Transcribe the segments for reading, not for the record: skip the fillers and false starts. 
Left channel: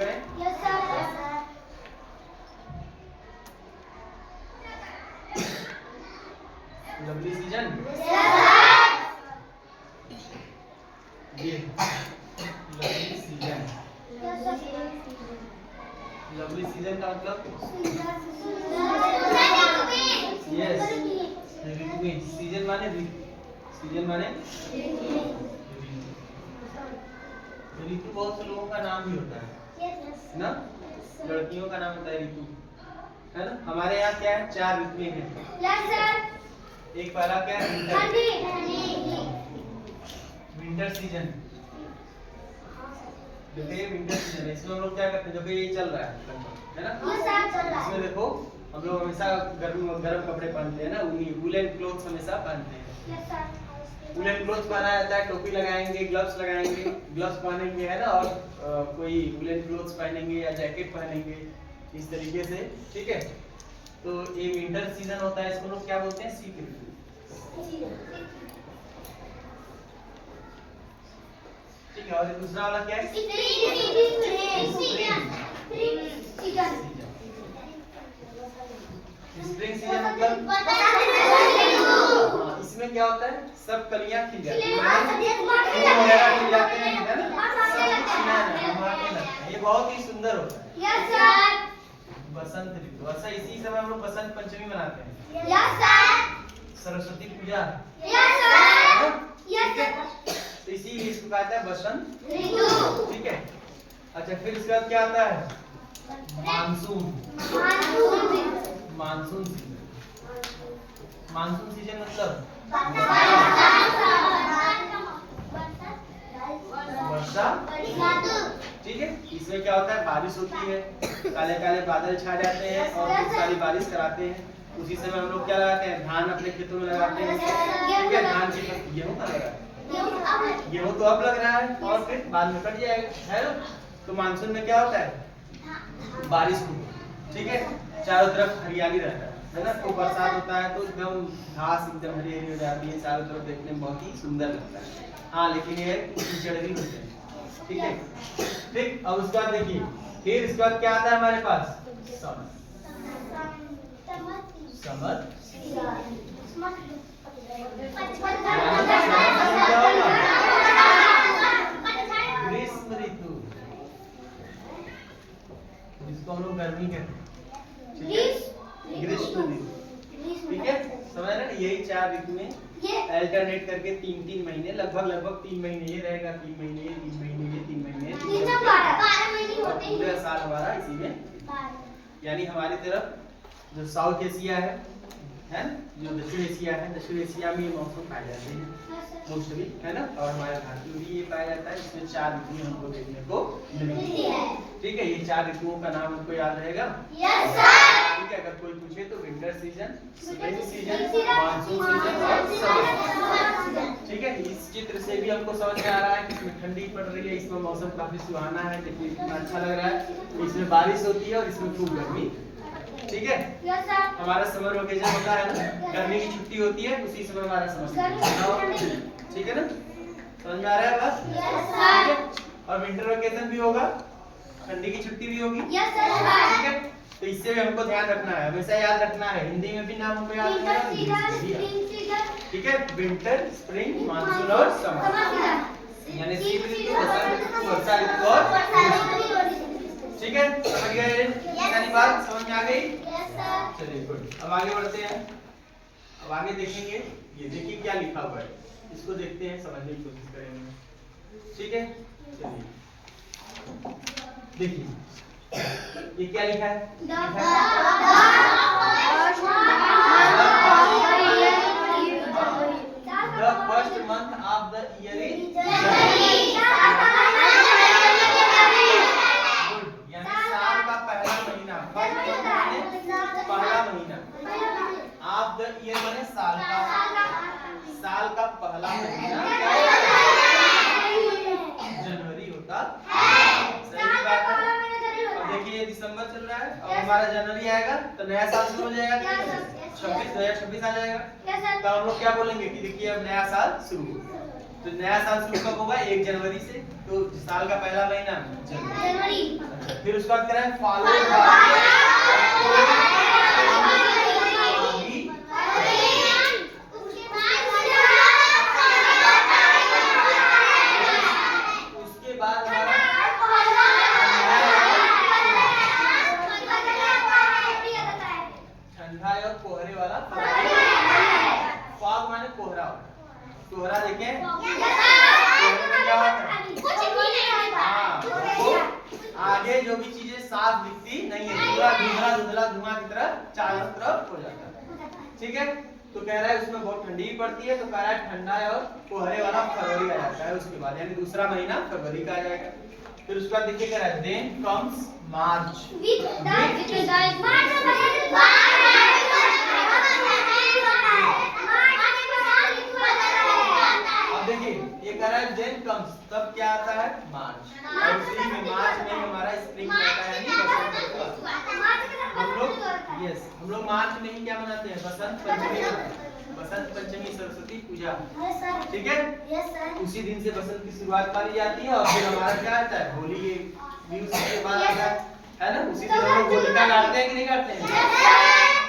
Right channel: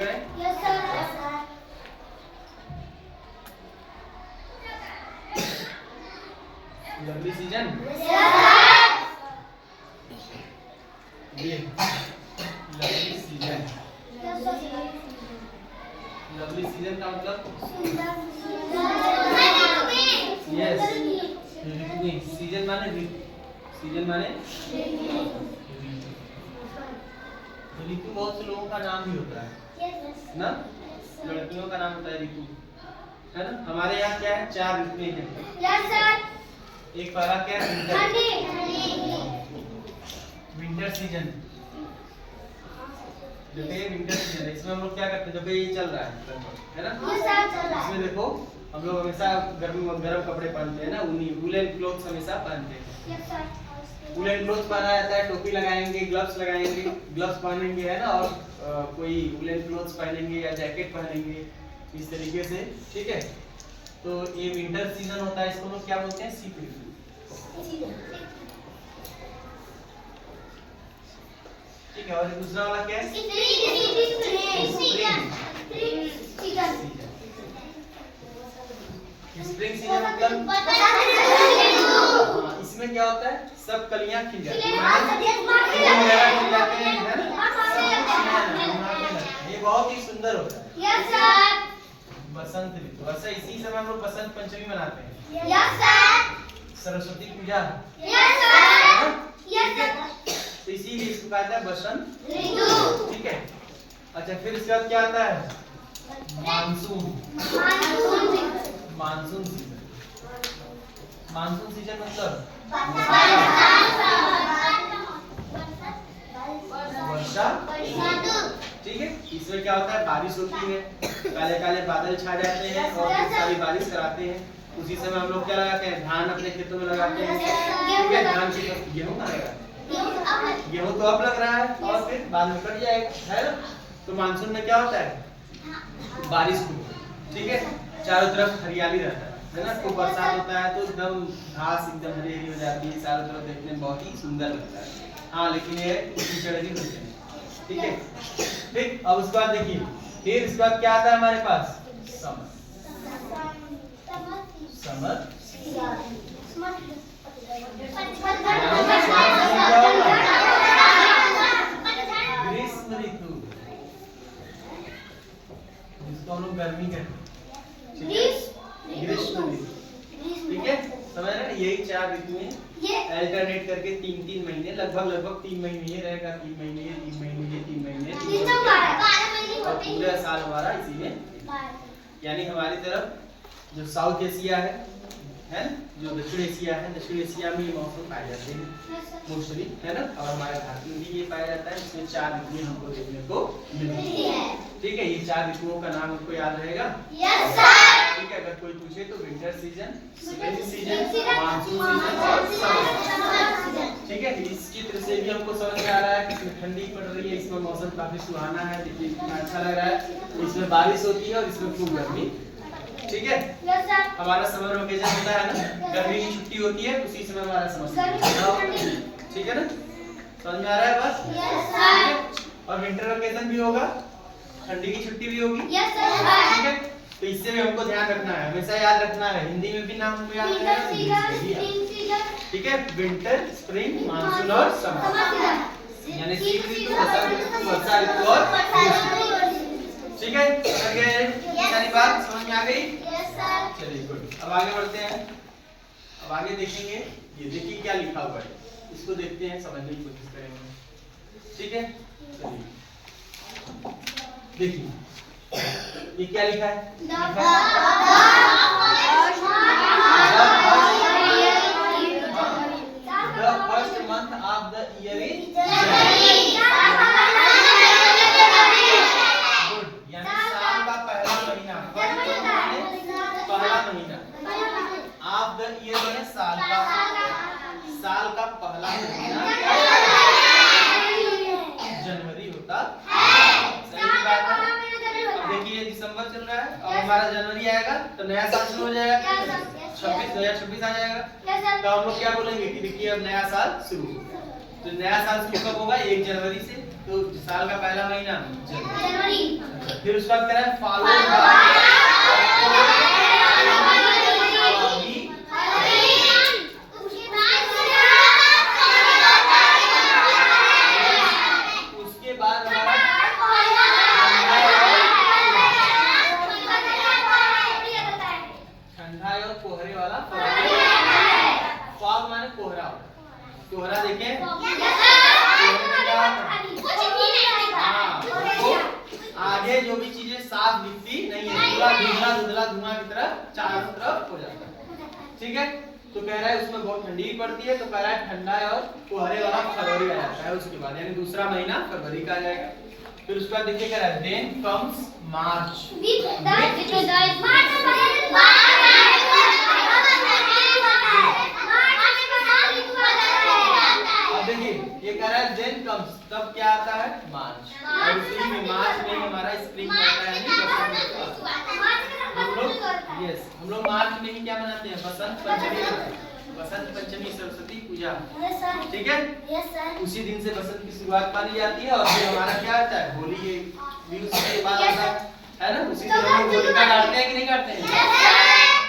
करें? Yes sir. Lovely season ये lovely season. Lovely season का मतलब यस ऋतु। सीजन माने ऋतु, सीजन माने ऋतु। बहुत से लोगों का नाम भी होता है ना, लड़कियों का नाम होता है ऋतु, है ना। हमारे यहाँ क्या है, 4 ऋतुएं हैं। Yes sir. एक पहला क्या है, विंटर सीजन। जो कि विंटर सीजन है, इसमें हम लोग क्या करते हैं, जो कि ये चल रहा है ना। इसमें देखो हम लोग हमेशा गर्म कपड़े पहनते हैं ना, वूलन क्लोथ्स हमेशा पहनते हैं। वूलन क्लोथ्स पहना जाता है, टोपी लगाएंगे, ग्लव्स लगाएंगे, ग्लव्स पहनेंगे, है ना। और कोई वूलन क्लोथ्स पहनेंगे या जैकेट पहनेंगे इस तरीके से, ठीक है। तो ये विंटर सीजन होता है, इसको लोग क्या बोलते हैं, शीत ऋतु। ठीक है। और दूसरा वाला क्या है, स्प्रिंग सीजन मतलब इसमें क्या होता है, सब कलियां खिल जाती हैं, ये बहुत ही सुंदर होता है। बसंत ऋतु, अच्छा इसी समय हम लोग बसंत पंचमी मनाते हैं। सरस्वती पूजा, ठीक है। तो इसीलिए इसको कहते हैं बसंत ऋतु, ठीक है। अच्छा फिर इसके बाद क्या आता है, monsoon. Monsoon season, monsoon season मतलब वर्षा, ठीक है। इसमें क्या होता है, बारिश होती है, काले काले बादल छा जाते हैं और फिर सारी बारिश कराते हैं। उसी समय हम लोग क्या लगाते हैं, धान अपने खेतों में लगाते हैं, ठीक है। धान की गेहूं कहाँ लगाते हैं, गेहूं तो अब लग रहा है और फिर बाद में कट जाएगा, है ना। तो मानसून में क्या होता है, बारिश होती है, ठीक है। चारों तरफ हरियाली रहता है ना। तो बरसात होता है तो एकदम घास एकदम हरी हरी हो जाती है, चारों तरफ देखने में बहुत ही सुंदर लगता है। हाँ लेकिन ये कीचड़ भी होते हैं, ठीक है। ठीक, अब उसके बाद देखिए, फिर इसके बाद क्या आता है हमारे पास, समर। समर ग्रीष्म ऋतु, जिसको हम लोग गर्मी कहते हैं, ग्रीष्म ऋतु, ठीक है। समझ रहे हैं, यही 4 ऋतुएं अल्टरनेट करके 3-3 महीने, लगभग 3 महीने ये रहेगा, 3 महीने ये, 3 महीने ये, 3 महीने ये, 3 महीने और पूरा साल हमारा इसी में। यानी हमारी तरफ जो साउथ एशिया है जो दक्षिण एशिया है, दक्षिण एशिया में ये मौसम पाए जाते हैं मोस्टली, है ना। और हमारे भारत में भी ये पाया जाता है। इसमें 4 ऋतुएं हमको देखने को मिलती है, ठीक है। ये 4 ऋतुओं का नाम हमको याद रहेगा, ठीक है। अगर कोई पूछे तो winter season, spring season, monsoon season और समर सीजन, ठीक है। इस चित्र से भी हमको समझ में आ रहा है कि इसमें ठंडी पड़ रही है, इसमें मौसम काफी सुहाना है, देखिए कितना अच्छा लग रहा है। इसमें बारिश होती है और इसमें खूब गर्मी, ठीक है। हमारा समर वेकेशन होता है ना, गर्मी की छुट्टी होती है, उसी समय हमारा समर वेकेशन, ठीक है ना। समझ में आ रहा है बस, ठीक है। और विंटर वेकेशन भी होगा, ठंडी की छुट्टी भी होगी, ठीक है। तो इससे भी हमको ध्यान रखना है, हमेशा याद रखना है। हिंदी में भी नाम हमको याद रखना है, ठीक है। विंटर, स्प्रिंग, मानसून और समर, यानी शीत ऋतु, बसंत ऋतु, वर्षा ऋतु और ग्रीष्म ऋतु, ठीक है। समझ गए, सारी बात समझ में आ गई। चलिए गुड, अब आगे बढ़ते हैं। अब आगे देखेंगे, ये देखिए क्या लिखा हुआ है, इसको देखते हैं, समझने की कोशिश करेंगे, ठीक है। चलिए देखिए ये क्या लिखा है, the first month of the year is जनवरी, यानी साल का पहला महीना, पहला महीना ऑफ द ईयर यानी साल का पहला महीना जनवरी होता है, सही बात है। देखिए ये दिसंबर चल रहा है और हमारा जनवरी आएगा तो नया साल शुरू हो जाएगा, 2026 आ जाएगा। तो हम लोग क्या बोलेंगे कि देखिए अब नया साल शुरू, तो नया साल शुरू कब होगा, 1 जनवरी से। तो साल का पहला महीना जनवरी, फिर उसके बाद कह रहा है फॉलोड बाय कोहरे वाला फॉग माने कोहरा कोहरा देखें आगे जो भी चीजें साफ दिखती नहीं है पूरा धुंधला धुंधला धुआं की तरह चारों तरफ हो जाता है। ठीक है, तो कह रहा है उसमें बहुत ठंडी भी पड़ती है, तो कह रहा है ठंडा और कोहरे वाला फरवरी आ जाता है उसके बाद, यानी दूसरा महीना फरवरी का आ जाएगा। फिर उसके बाद देखिए कह रहा है देन कम्स मार्च। अब देखिए ये कह रहा है देन कम्स, तब क्या आता है मार्च, और इसी में मार्च में हमारा स्प्रिंग होता है, यानी बसंत। हम लोग मार्च में ही क्या मनाते हैं, बसंत पंचमी, बसंत पंचमी सरस्वती पूजा। ठीक है, उसी दिन से बसंत की शुरुआत मानी जाती है, और फिर हमारा क्या आता है होली भी उसी के बाद आता है ना। उसी दिन हम लोग होलिका गाड़ते हैं कि नहीं गाड़ते हैं?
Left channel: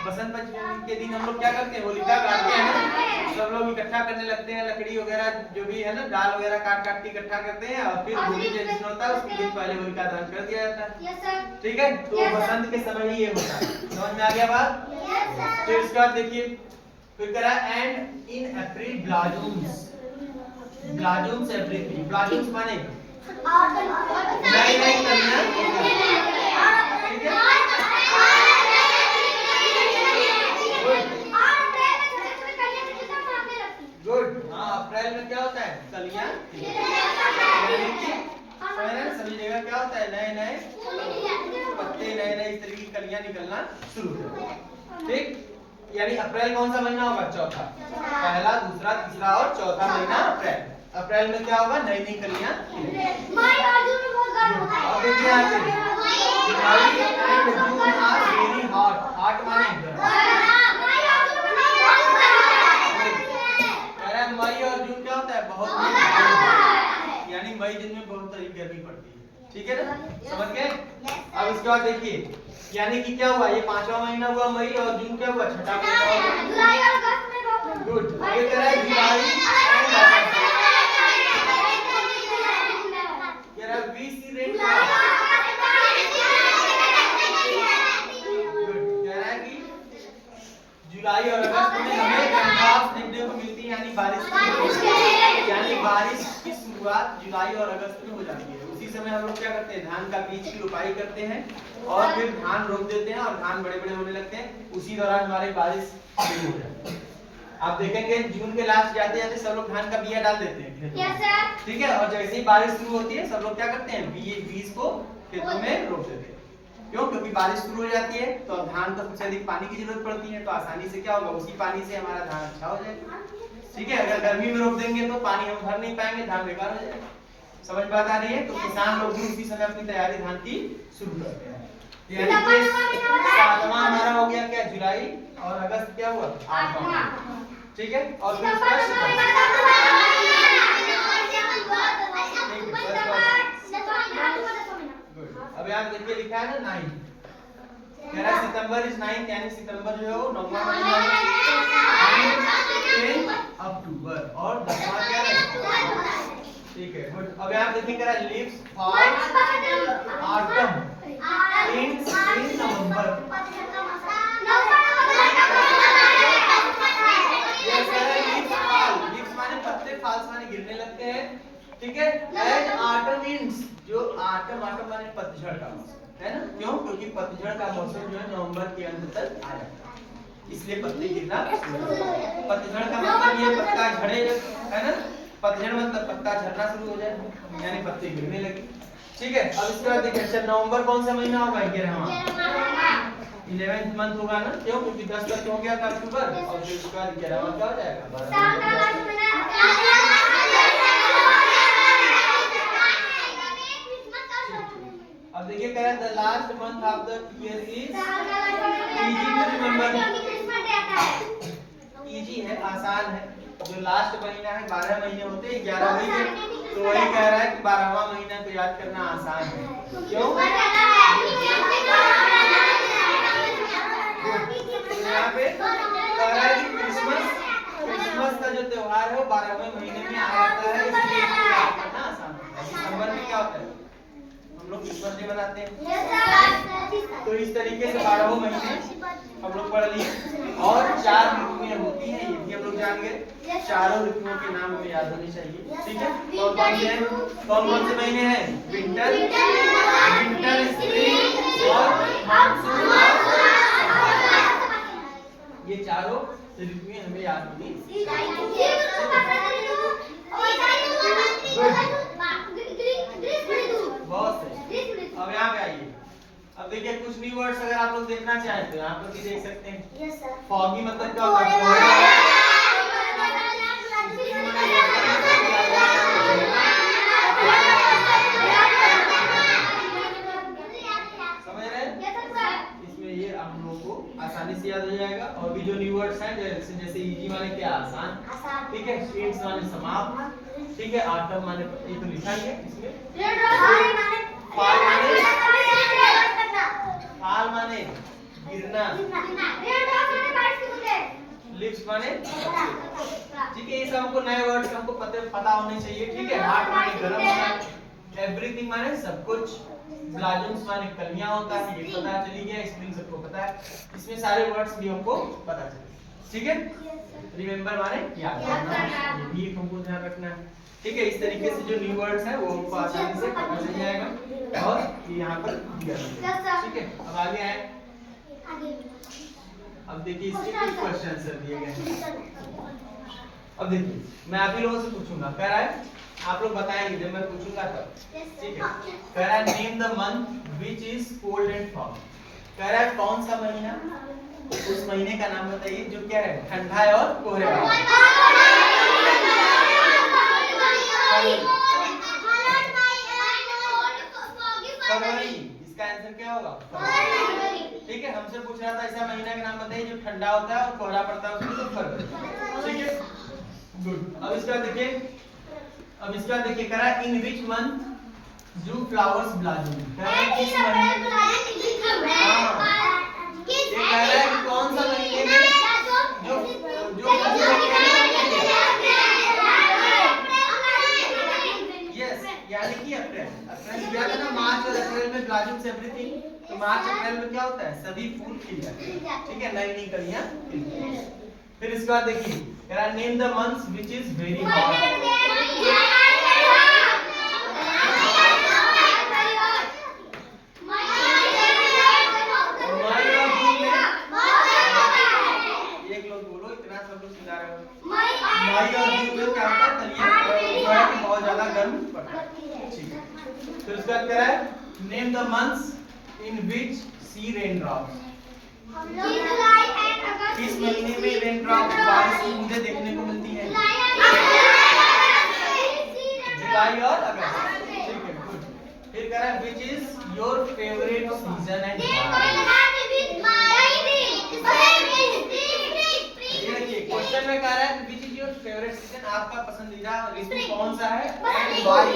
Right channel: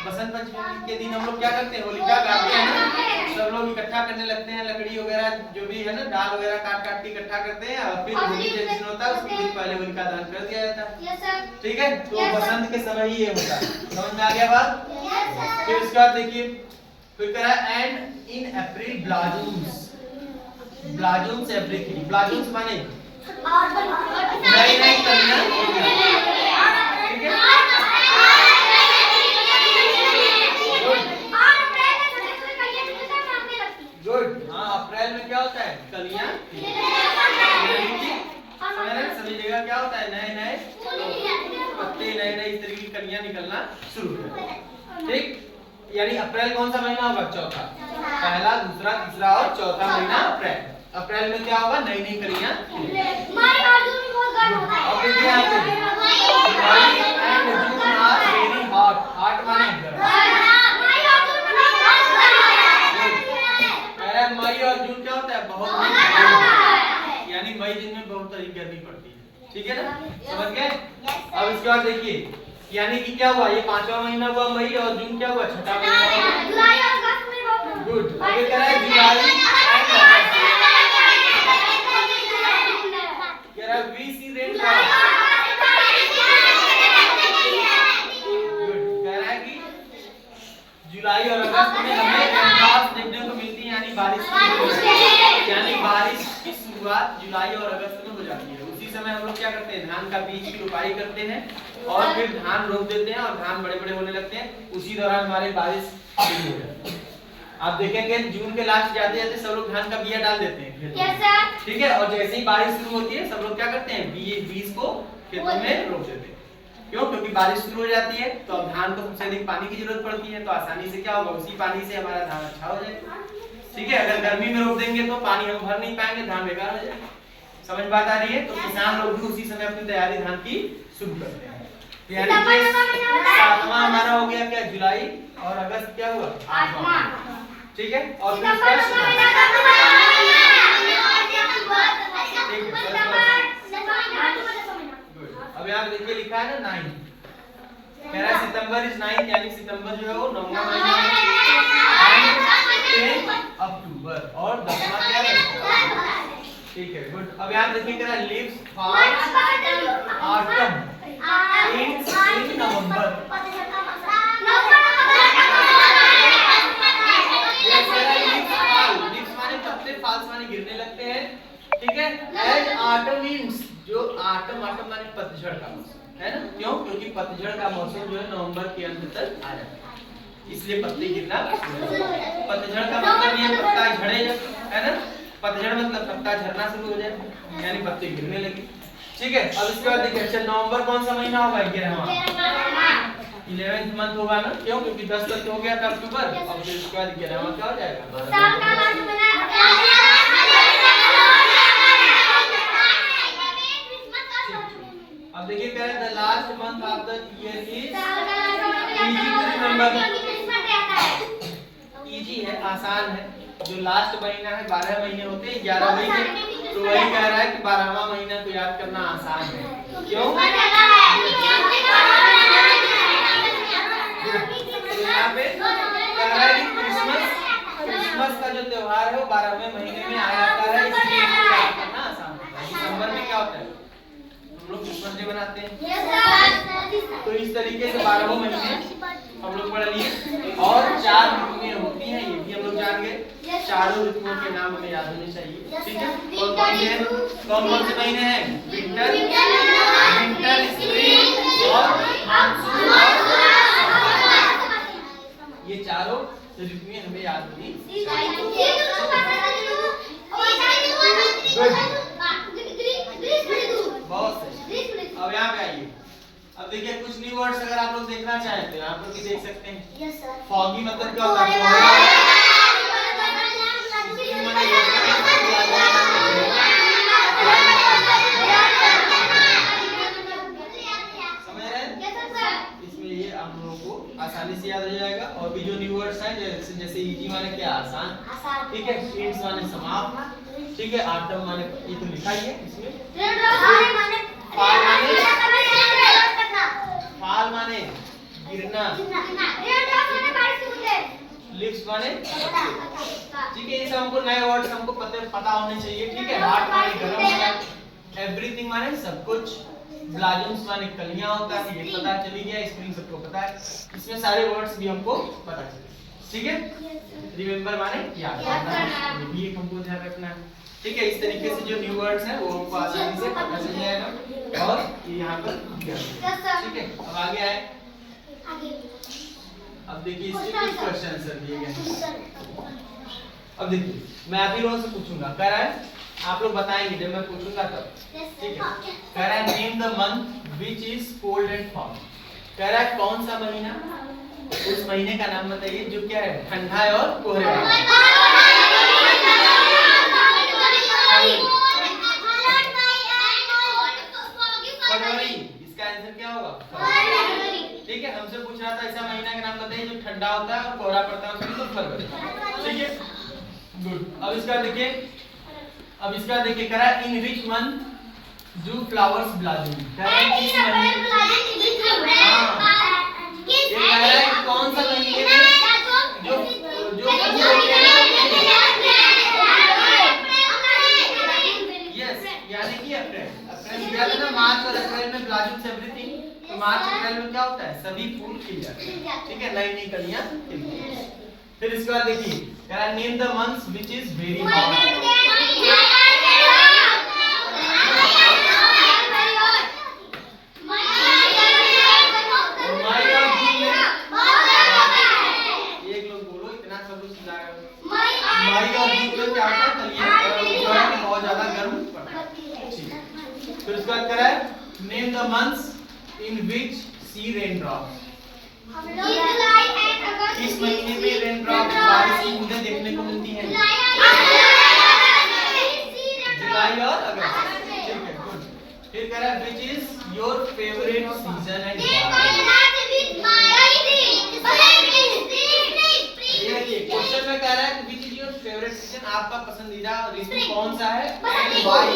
बसंत पंचमी के दिन हम लोग क्या करते हैं, होलिका गाड़ते हैं ना। सब लोग इकट्ठा करने लगते हैं, लकड़ी वगैरह जो भी है ना, डाल वगैरह काट काट के इकट्ठा करते हैं, और फिर होली के दिन होता है उसके दिन पहले होलिका दहन कर दिया जाता है। ठीक है, तो बसंत के समय ही ये होता है। समझ में आ गया बात? फिर उसके बाद देखिए फिर कह रहा है एंड इन अप्रैल ब्लाजूम्स, ब्लाजूम्स एवरीथिंग, ब्लाजूम्स माने नई नई कलियां। ठीक है, गुड। हाँ, अप्रैल में क्या होता है, कलियां। सभी जगह क्या होता है, नए नए पत्ते, नए नए इस तरह की कलियां निकलना शुरू हो जाती है। ठीक, यानी अप्रैल कौन सा महीना होगा, चौथा। पहला, दूसरा, तीसरा और चौथा महीना अप्रैल। अप्रैल में क्या होगा, नई नई कलियां। अब देखिए यहाँ पे July and June are very hot, hot माने मई और जून क्या होता है, बहुत, यानी मई दिन में बहुत अधिक गर्मी पड़ती है। ठीक है ना, समझ गए? अब इसके बाद देखिए यानी कि क्या हुआ, ये पांचवा महीना हुआ मई, और जून क्या हुआ, छठा महीना। गुड। आगे कह रहा है जुलाई कह रहा है we see rainfall. Good, कह रहा है कि जुलाई और अगस्त में हमें रेनफॉल्स देखने को मिलती है, यानी बारिश की शुरुआत जुलाई और अगस्त में हो जाती है। उसी समय हम लोग क्या करते हैं, धान का बीज की रोपाई करते हैं, और फिर धान रोप देते हैं, और धान बड़े बड़े होने लगते हैं। उसी दौरान हमारे बारिश शुरू हो जाती है। आप देखेंगे जून के लास्ट जाते जाते सब लोग धान का बिया डाल देते हैं खेतों में। ठीक है, और जैसे ही बारिश शुरू होती है सब लोग क्या करते हैं, बीज को खेतों में रोप देते हैं। क्यों? क्योंकि बारिश शुरू हो जाती है, तो अब धान को सबसे अधिक पानी की जरूरत पड़ती है, तो आसानी से क्या होगा, उसी पानी से हमारा धान अच्छा हो जाएगा। ठीक है, अगर गर्मी में रोप देंगे तो पानी हम भर नहीं पाएंगे, धान बेकार हो जाएगा। समझ बात आ रही है? तो किसान लोग भी उसी समय अपनी तैयारी धान की शुरू करते हैं। यानी सातवां हमारा हो गया क्या, जुलाई, और अगस्त क्या हुआ, आठवां। ठीक है, और फिर अब यहाँ देखिए लिखा है ना 9, कह रहा है सितंबर इज 9, यानी सितंबर जो है वो 9वां महीना है, अक्टूबर और 10वां क्या है। ठीक है, गुड। अब यहाँ देखिए कह रहा है लीव्स फॉल ऑटम इन स्प्रिंग नवंबर। लीव्स माने पत्ते, फॉल्स माने गिरने लगते हैं। ठीक है, एंड ऑटम मींस, जो ऑटम माने पतझड़ का मौसम है ना। क्यों? क्योंकि पतझड़ का मौसम जो है नवंबर के अंत तक आ जाता है, इसलिए पत्ते गिरना। पतझड़ का मतलब ये पत्ता झड़े है ना, पतझड़ मतलब पत्ता झड़ना शुरू हो जाए, यानी पत्ते गिरने लगे। ठीक है, अब इसके बाद देखिए अच्छा नवंबर कौन सा महीना होगा, 11वां मंथ होगा ना। क्यों? क्योंकि 10 तक हो गया था अक्टूबर, और फिर उसके बाद 11वां क्या हो जाएगा। अब देखिए कह रहा है the last month of the year is easy to remember. Easy है, आसान है। जो लास्ट महीना है, 12 महीने होते हैं, 11 महीने, तो वही कह रहा है कि 12वां महीना को याद करना आसान है। क्यों? है वो 12वें महीने में आ जाता है, इसलिए इसको याद करना आसान होता है। दिसंबर में क्या होता है, हम लोग क्रिसमस डे बनाते हैं। तो इस तरीके से 12 महीने हम लोग पढ़ लिए और 4 ऋतुएं होती हैं, ये भी हम लोग जान गए। चारों ऋतुओं के नाम हमें याद होने चाहिए, ठीक है। कौन कौन से हैं, कौन कौन से महीने हैं, विंटर, स्प्रिंग और मानसून और ये चारों ऋतुएं हमें याद होनी चाहिए। बहुत सही। अब यहाँ पे आइए, अब देखिए कुछ न्यू वर्ड्स अगर आप लोग देखना चाहें तो यहाँ पर भी देख सकते हैं। फॉगी मतलब क्या होता है, समझ रहे हैं। इसमें ये हम लोगों को आसानी से याद हो जाएगा। और भी जो न्यू वर्ड्स हैं जैसे इजी माने क्या, आसान, ठीक है। स्प्रिंग्स माने समाप्त, ठीक है। ऑटम माने ये तो लिखा ही है इसमें। फाल माने गिरना, लिप्स माने, ठीक है। ये सब हमको नए वर्ड्स हमको पता होने चाहिए, ठीक है। हार्ट माने गरम, एवरीथिंग माने सब कुछ, ब्लाजम्स माने कलियां होता है, ये पता चली गया। स्प्रिंग सबको पता है, इसमें सारे वर्ड्स भी हमको पता चले, ठीक है। रिमेंबर माने याद करना, ये भी हमको ध्यान रखना है, ठीक है। इस तरीके से जो न्यू वर्ड्स हैं वो हमको आसानी से पता चल जाएगा और ये यहाँ पर दिया है, ठीक है। अब आगे आए, अब देखिए इसके कुछ क्वेश्चन आंसर दिए गए हैं। अब देखिए मैं आप ही लोगों से पूछूंगा, कह रहा है आप लोग बताएंगे जब मैं पूछूंगा तब, ठीक है। कह रहा है name the month which is cold and fog. कह रहा है कौन सा महीना, उस महीने का नाम बताइए जो क्या है, ठंडा है और कोहरे वाला। फरवरी, इसका आंसर क्या होगा, ठीक है। हमसे पूछ रहा था ऐसा महीना का नाम बताइए जो ठंडा होता है और कोहरा पड़ता है, तो फरवरी, ठीक है। गुड। अब इसका देखिए कह रहा है in which month do flowers blossom. कह रहा है किस महीने, ये कह रहा है कौन सा महीने में जो यस, यानी कि अप्रैल दिया था ना। मार्च और अप्रैल में ब्लॉसम्स एवरीथिंग, तो मार्च अप्रैल में क्या होता है, सभी फूल खिल जाते हैं, ठीक है, नई नई कलियां खिलती हैं। फिर इसके बाद देखिए कह रहा है name the months which is very hot. एक लोग बोलो, इतना सब लोग चिल्ला रहे हो। मई और जून में क्या होता है, कलियां बहुत ज्यादा गर्म पड़ता है, ठीक है। फिर उसके बाद कह रहा है name the months in which see raindrops. किस महीने में रेन ड्रॉप्स, बारिश की बूंदें देखने को मिलती हैं, जुलाई और अगस्त, ठीक है। गुड। फिर कह रहा है which is your favourite season and question में कह रहा है which is your favourite season, आपका पसंदीदा ऋतु कौन सा है एंड व्हाई,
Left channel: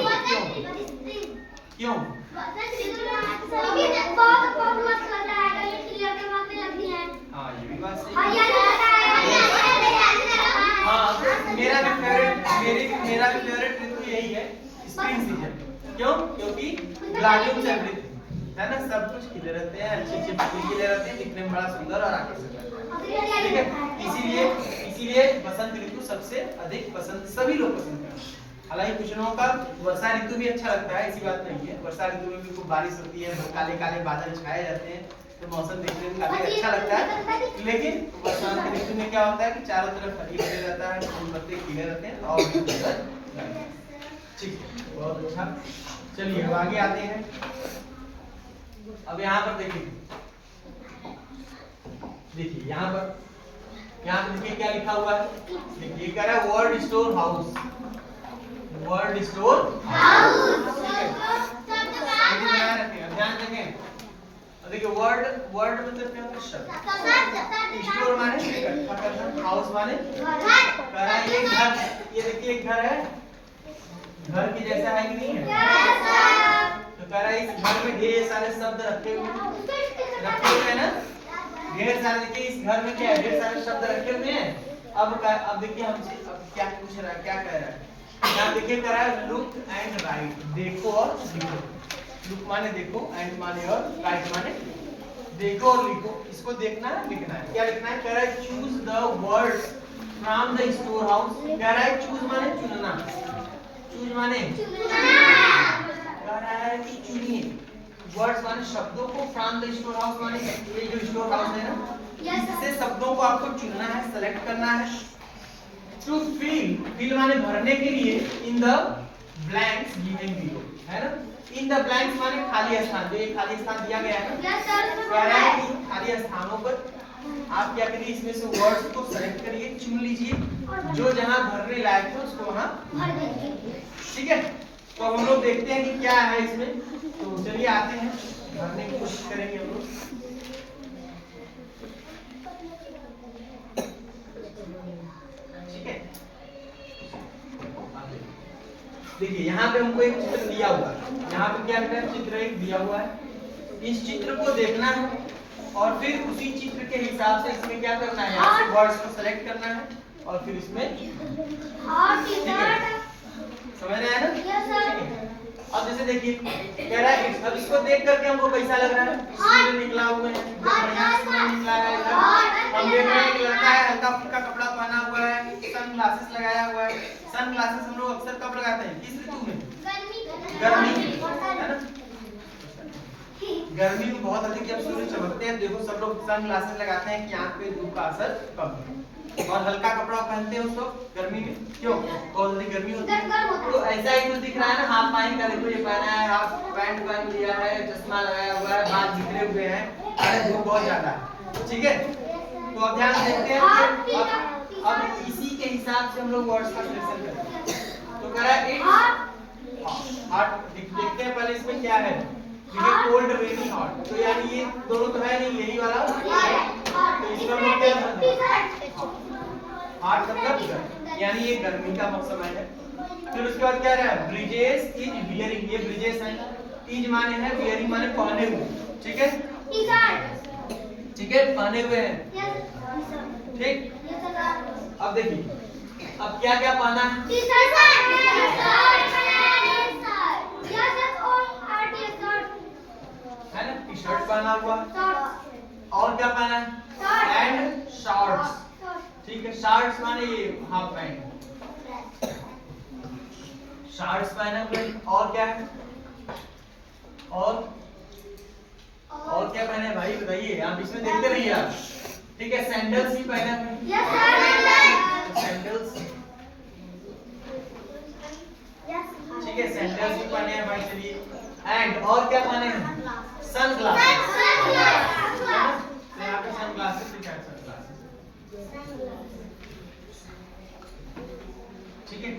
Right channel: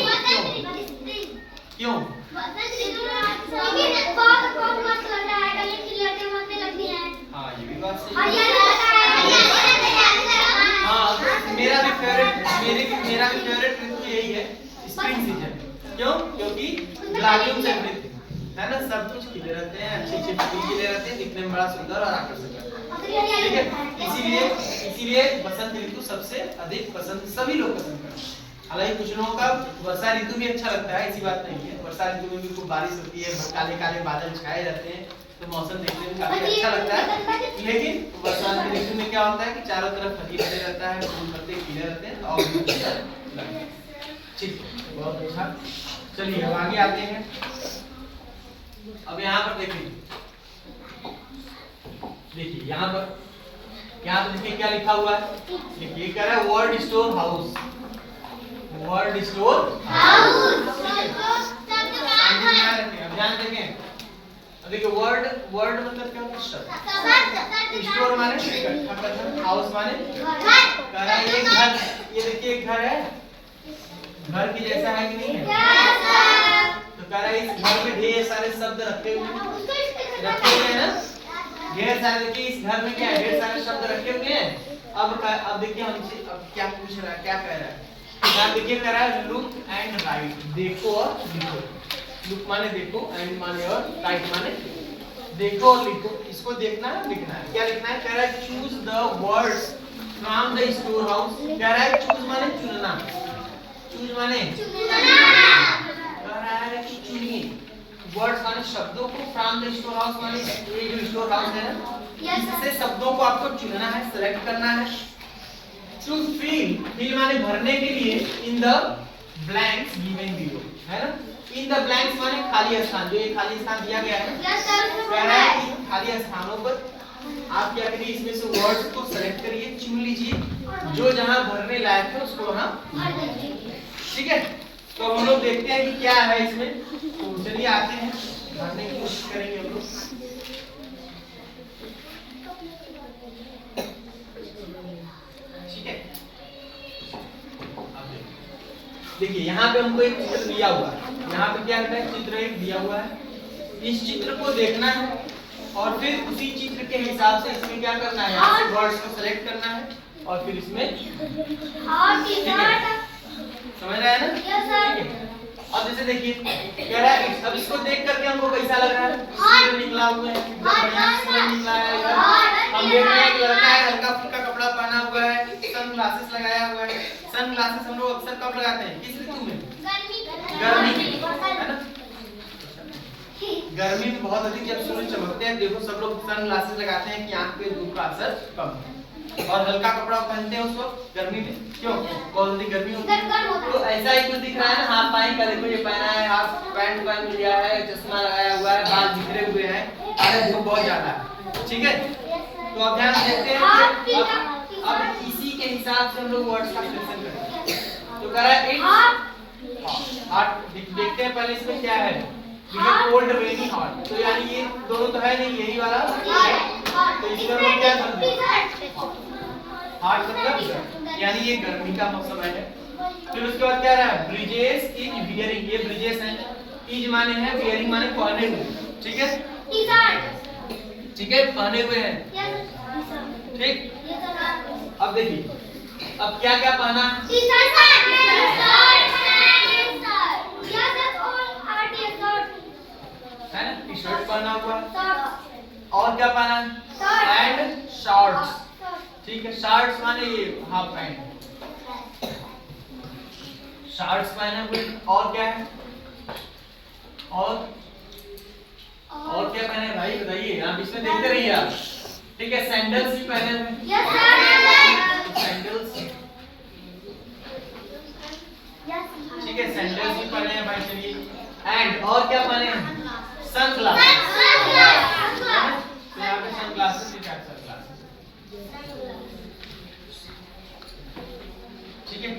क्यों? हाँ ये भी बात सही है। हाँ मेरा भी फेवरेट ऋतु यही है, स्प्रिंग सीजन। क्यों? क्योंकि ब्लॉसम्स एवरीथिंग है ना, सब कुछ खिले रहते हैं, अच्छे अच्छे फूल खिले रहते हैं, दिखने में बड़ा सुंदर और आकर्षक लगता है, ठीक है। इसीलिए बसंत ऋतु सबसे अधिक पसंद सभी लोग पसंद करते हैं। हालांकि कुछ लोगों का वर्षा ऋतु भी अच्छा लगता है, ऐसी बात नहीं है। वर्षा ऋतु में भी खूब बारिश होती है, काले काले बादल छाए रहते हैं, तो मौसम देखने में काफी अच्छा लगता है। लेकिन बसंत ऋतु में क्या होता है कि चारों तरफ हरी भरी रहता है, फूल पत्ते खिले रहते हैं और भी सुंदर लगता है, ठीक है। बहुत अच्छा, चलिए अब आगे आते हैं। अब यहाँ पर देखिए यहाँ पर देखिए क्या लिखा हुआ है, देखिए कह रहा है word store house, word store house, ठीक है। ध्यान देखें, अब देखिए वर्ड मतलब क्या होता है, शब्द। स्टोर माने इकट्ठा करना, हाउस माने कह रहा है ये घर, ये देखिए एक घर है, घर के जैसा है कि नहीं है, तो कह रहा है इस घर में ढेर सारे शब्द रखे हुए हैं ना, ढेर सारे। देखिए इस घर में क्या है, ढेर सारे शब्द रखे हुए हैं अब देखिए हमसे अब क्या पूछ रहा है, क्या कह रहा है। अब देखिए कह रहा है लुक एंड राइट, देखो और लिखो। लुक माने देखो, एंड माने और, राइट माने देखो और लिखो। इसको देखना है, लिखना है। क्या लिखना है? कह रहा है choose the words from the store house. कह रहा है चूज माने चुनना, चूज माने कह रहा है कि चुनिए, वर्ड्स माने शब्दों को, फ्रॉम द स्टोर हाउस माने ये जो स्टोर हाउस है ना, इससे शब्दों को आपको चुनना है, सेलेक्ट करना है। टू फिल, फिल माने भरने के लिए, in the blanks given below, है ना। इन द ब्लैंक्स माने खाली स्थान, जो ये खाली स्थान दिया गया है ना, कह रहा है कि खाली स्थानों पर आप क्या करिए, इसमें से वर्ड्स को सेलेक्ट करिए, चुन लीजिए, जो जहां भरने लायक है उसको वहां भर दीजिए। ठीक है, तो हम लोग देखते हैं कि क्या है इसमें। तो चलिए आते हैं, भरने की कोशिश करेंगे हम लोग। ठीक है, देखिए यहाँ पे हमको एक चित्र दिया हुआ है। यहाँ पे क्या है, चित्र एक दिया हुआ है। इस चित्र को देखना है और फिर उसी चित्र के हिसाब से इसमें क्या करना है, यहाँ से वर्ड्स को सेलेक्ट करना है और फिर इसमें समझ रहे हैं ना। ठीक है, अब जैसे देखिए कह रहा है, अब इसको देख करके हमको कैसा लग रहा है, सूर्य निकला हुआ है, एकदम बढ़िया सूरज निकला है। हम देख रहे हैं एक लड़का है, हल्का फुल्का कपड़ा पहना हुआ है, सन ग्लासेस लगाया हुआ है। सन ग्लासेस हम लोग अक्सर कब लगाते हैं, किस ऋतु में? गर्मी में, है ना। गर्मी में बहुत अधिक जब सूर्य चमकते हैं, देखो सब लोग सन ग्लासेस लगाते हैं कि आंख पे धूप का असर कम हो, और हल्का कपड़ा पहनते हैं उस वक्त गर्मी में। क्यों? बहुत अधिक गर्मी होती है। तो ऐसा ही कुछ दिख रहा है ना, हाफ पैंट का देखो ये पहना है, हाफ पैंट पहन लिया है, चश्मा लगाया हुआ है, बाल बिखरे हुए हैं, अरे धूप बहुत ज्यादा है। ठीक है, तो अब ध्यान देते हैं कि अब इसी के हिसाब से हम लोग वर्ड्स का सिलेक्शन करेंगे। तो कह रहा है हॉट, देखते हैं पहले इसमें क्या है, कोल्ड रेनी हॉट, तो यानी ये दोनों तो है नहीं, यही वाला, तो इसमें हम लोग क्या करते हैं, हॉट मतलब यानी ये गर्मी का मौसम है। फिर उसके बाद क्या रहा, ब्रिजेस इज वियरिंग, ये ब्रिजेस है, इज माने है, वियरिंग माने पहने हुए। ठीक है, ठीक है, पहने हुए हैं। ठीक, अब देखिए अब क्या क्या पहना है, है ना, टी शर्ट पहना हुआ, और क्या पहना है, एंड शॉर्ट्स। ठीक है, शॉर्ट्स माने ये हाफ पैंट, शॉर्ट्स पहना हुए, और क्या है, और क्या पहने हैं भाई बताइए, आप इसमें देखते रहिए आप। ठीक है, सैंडल्स भी पहने हुए, सैंडल्स, ठीक है, सैंडल्स भी पहने हैं भाई। चलिए, एंड और क्या पहने हैं, सनग्लासेस, यहाँ पे सनग्लासेस भी क्या, सनग्लासेस। ठीक है,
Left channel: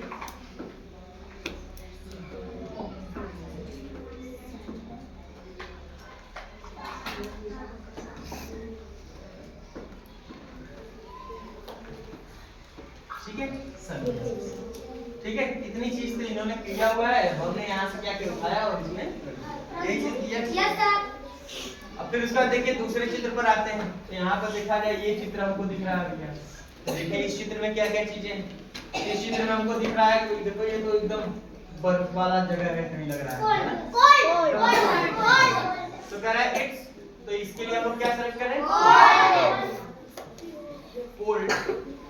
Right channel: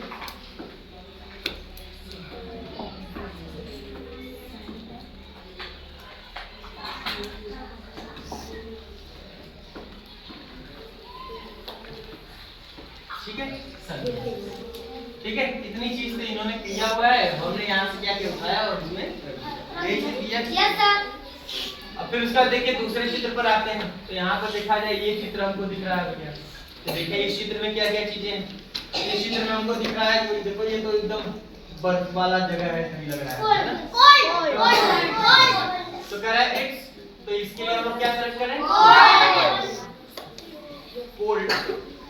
ठीक है, ठीक है, इतनी चीज तो इन्होंने किया हुआ है, हमने यहाँ से क्या क्या उठाया और इसमें यही चीज दिया। अब फिर उसका देखिए दूसरे चित्र पर आते हैं, तो यहाँ पर देखा जाए ये चित्र हमको दिख रहा है भैया, तो देखिए इस चित्र में क्या क्या चीजें हैं। इस चित्र में हमको दिख रहा है, देखो ये तो एकदम बर्फ वाला जगह है, सही लग रहा है ना? तो कह रहा है इट्स, तो इसके लिए हम लोग क्या सेलेक्ट करें, कोल्ड।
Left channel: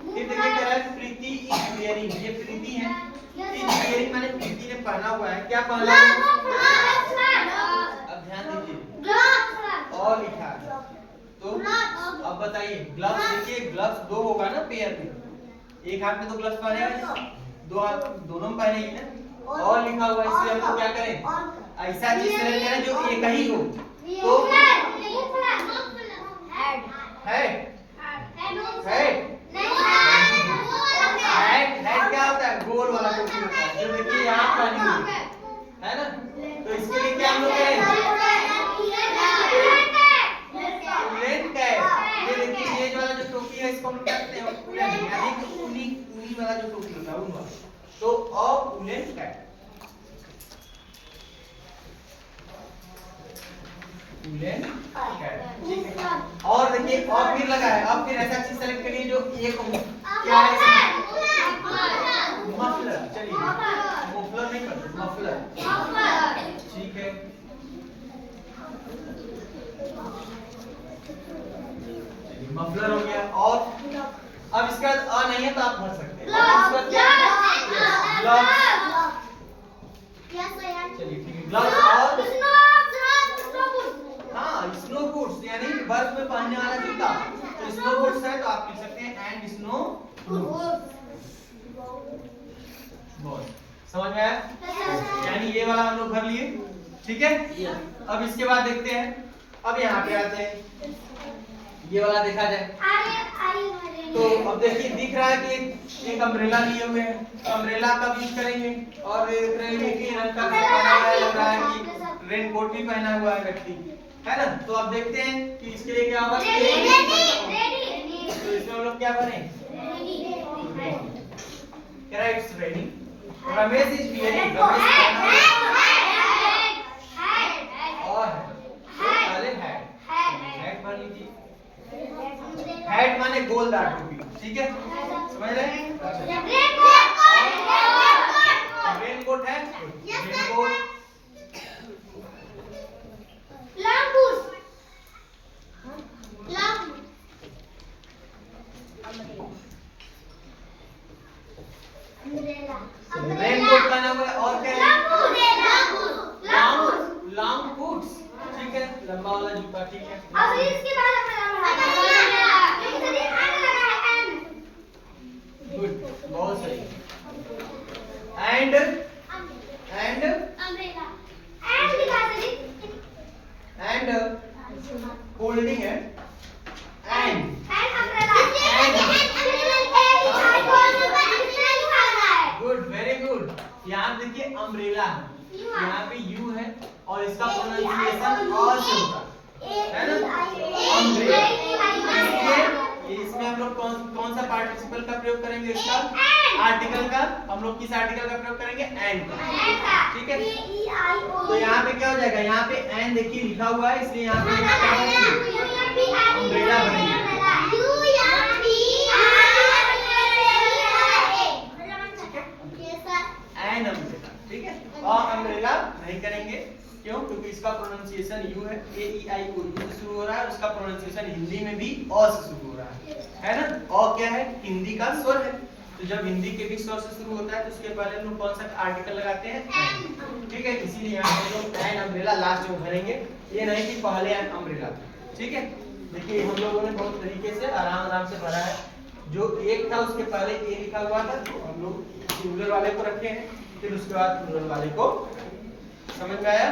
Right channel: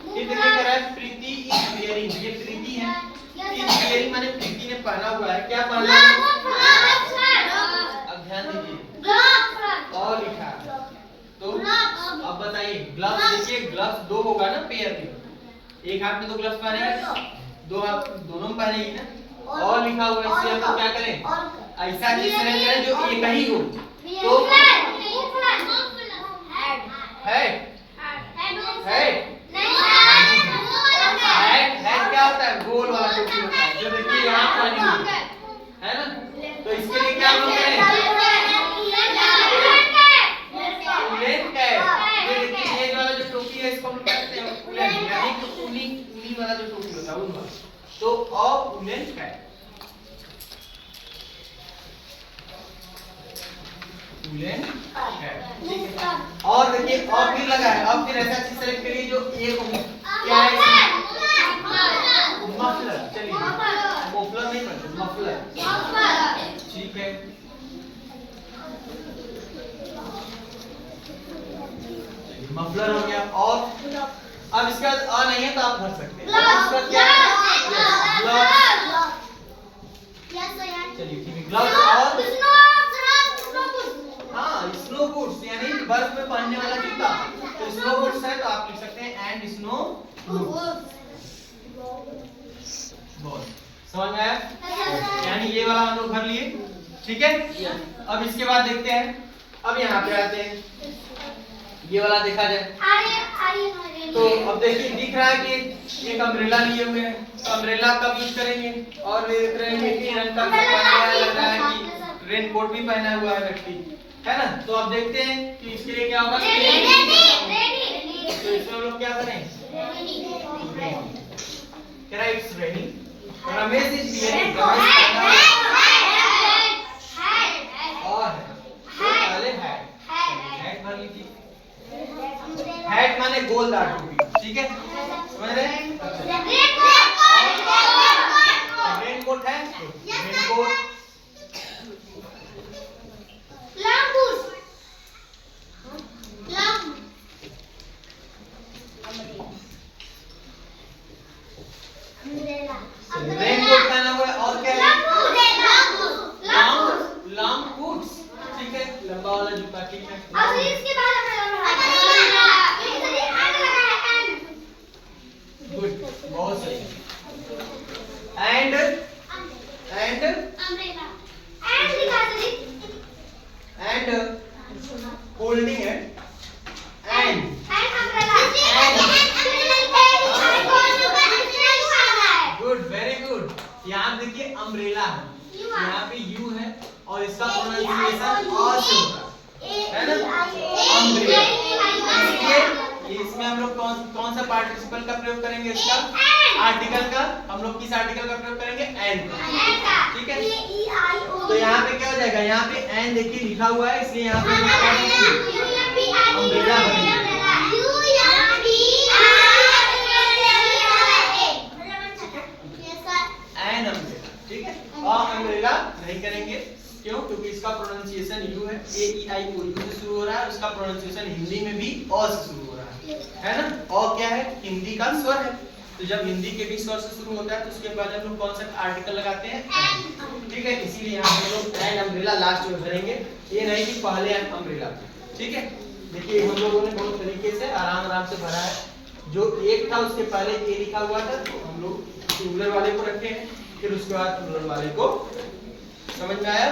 फिर देखिए कह रहा है प्रीति इज वेयरिंग, ये प्रीति है, इज वेयरिंग माने प्रीति ने पहना हुआ है, क्या पहना है, अब ध्यान दीजिए, और लिखा, तो अब बताइए ग्लव्स, देखिए ग्लव्स दो होगा ना पेयर में, एक हाथ में दो ग्लव्स पहनेगा, दो हाथ दोनों में पहनेगी ना, और लिखा हुआ है, इसलिए हम लोग क्या करें, ऐसा चीज सेलेक्ट करें जो एक ही हो। तो हेड क्या होता है, गोल वाला टोपी होता है, जो देखिए यहाँ पहनी हुई है ना। तो इसके लिए क्या हम लोग करें, उलेन कैप, ये देखिए ये वाला जो टोपी है इसको हम लोग कहते हैं उलेन, यानी कि ऊनी वाला जो टोपी होता है, ऊन वाला, तो उलेन कैप। वुलन हैट, ठीक है। और देखिए और फिर लगा है, अब फिर ऐसा चीज सेलेक्ट करिए जो एक क्या है, मफलर। चलिए मफलर नहीं पढ़ते, मफलर, ठीक है। मफलर हो गया। और अब इसका अ नहीं है तो आप भर सकते हैं। इसका क्या है, ग्लव्स। चलिए ठीक है, ग्लव्स। और हाँ स्नो बूट्स, यानी बर्फ में पहनने वाला जूता। तो स्नो बूट्स है तो आप लिख सकते हैं एंड स्नो बूट्स। बहुत समझ में आया, यानी ये वाला हम लोग भर लिए, ठीक है। अब इसके बाद देखते हैं, अब यहाँ पे आते हैं, ये वाला देखा जाए तो अब देखिए दिख रहा है कि एक अम्ब्रेला लिए हुए हैं। तो अम्ब्रेला कब यूज करेंगे, और देख रहे हैं कि रंग का पहना हुआ है, लग रहा है कि रेन कोट भी पहना हुआ है व्यक्ति, है ना। तो अब देखते हैं कि इसके लिए क्या होगा। तो इसमें हम लोग क्या बने, it's raining. Ramesh is wearing, और हैट भर लीजिए। हैट माने गोलदार टोपी, ठीक है, समझ रहे हैं। रेनकोट है, रेनकोट। रेनकोट पहना हुआ है, और क्या है, लॉन्ग बूट्स, ठीक है, लंबा वाला जूता, ठीक है। अब इसके बाद गुड, बहुत सही। एंड होल्डिंग है, एंड गुड, वेरी गुड। यहाँ देखिए अम्ब्रेला है, यहाँ पे यू है और इसका प्रोनाउंसिएशन अ से होता है ना, अम्ब्रेला। इसमें हम लोग कौन सा पार्टिसिपल का प्रयोग करेंगे, इसका आर्टिकल का। हम लोग किस आर्टिकल का प्रयोग करेंगे, एंड का, ठीक है। तो यहाँ पे क्या हो जाएगा, यहाँ पे एंड देखिए लिखा हुआ है, इसलिए यहाँ पे अम्ब्रेला बनेगा। एंड अम्ब्रेला, ठीक है। और अम्ब्रेला नहीं करेंगे, क्यों, क्योंकि इसका प्रोनाउंसिएशन यू है, ए ई आई ओ यू से शुरू हो रहा है। उसका प्रोनाउंसिएशन हिंदी में भी अ से शुरू हो रहा है ना। अ क्या है, हिंदी का स्वर है। तो जब हिंदी के भी स्वर से शुरू होता है तो उसके बाद हम लोग कौन सा आर्टिकल लगाते हैं, ठीक है। इसीलिए यहाँ हम लोग एंड अम्ब्रेला लास्ट में भरेंगे, ये नहीं कि पहले अम्ब्रेला, ठीक है। देखिए हम लोगों ने बहुत तरीके से आराम से भरा है। जो एक था उसके पहले ए लिखा हुआ था, तो हम लोग सिंगुलर वाले को रखे हैं, फिर उसके बाद प्लूरल वाले को। समझ में आया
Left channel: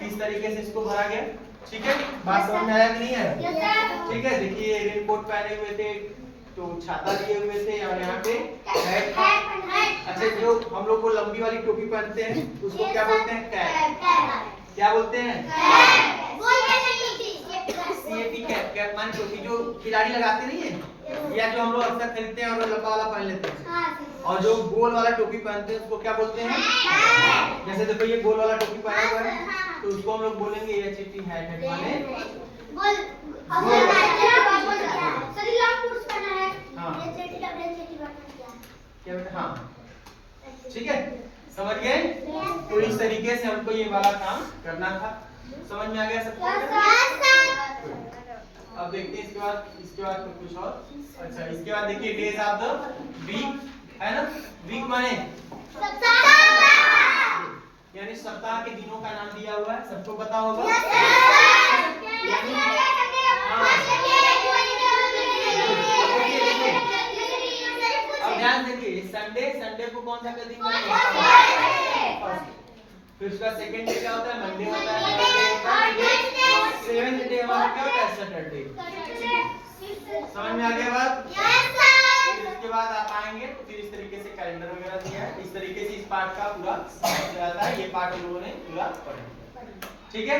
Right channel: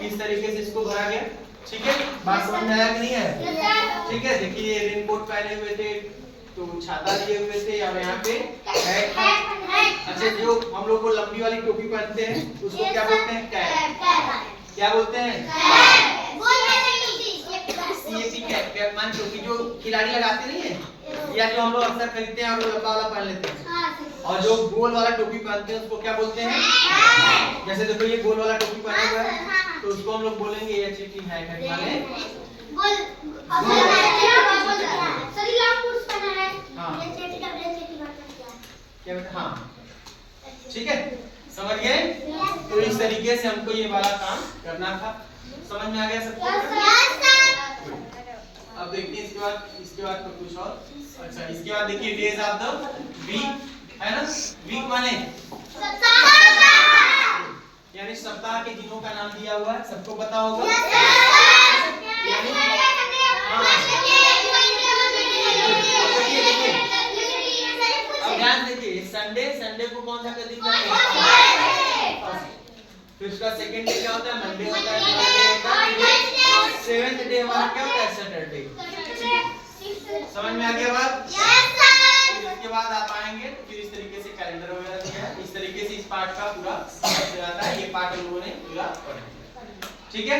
किस तरीके से इसको भरा गया, ठीक है। बात समझ में आया कि नहीं आया, ठीक है। देखिए रेनकोट पहने हुए थे, तो छाता लिए हुए थे, और यहाँ पे हैट। अच्छा, जो हम लोग को लंबी वाली टोपी पहनते हैं उसको क्या बोलते हैं, कैप। क्या बोलते हैं, सीएपी कैप। कैप माने टोपी जो खिलाड़ी लगाते नहीं है, या जो हम लोग अक्सर खरीदते हैं और लंबा वाला पहन लेते हैं। और जो गोल वाला टोपी पहनते हैं उसको क्या बोलते हैं, जैसे देखो ये गोल वाला टोपी पहना हुआ है, तो उसको हम लोग बोलेंगे ये चीटी है माने गोल। सरी लॉन्ग बूट्स पहना है, ये चेटी का ब्रेन चेटी बात क्या बेटा, हाँ ठीक है, समझ गए। तो इस तरीके से हमको ये वाला काम करना था। समझ में आ गया सबको? अब देखते हैं इसके बाद तो कुछ और। अच्छा, इसके बाद देखिए डेज ऑफ द वीक, है ना। वीक माने यानी सप्ताह के दिनों का नाम दिया हुआ है, सबको पता होगा। अब ध्यान देखिए, संडे को कौन सा दिन कहते हैं, फिर उसका सेकंड डे क्या होता है, मंडे होता है, सेवेंथ डे हमारा क्या होता है, सैटरडे। समझ में आ गया बात? इसके बाद आप आएंगे तो फिर इस तरीके से कैलेंडर वगैरह दिया है, इस तरीके से इस पार्ट का पूरा आता है। ये पार्ट हम लोगों ने पूरा पढ़ा, ठीक है।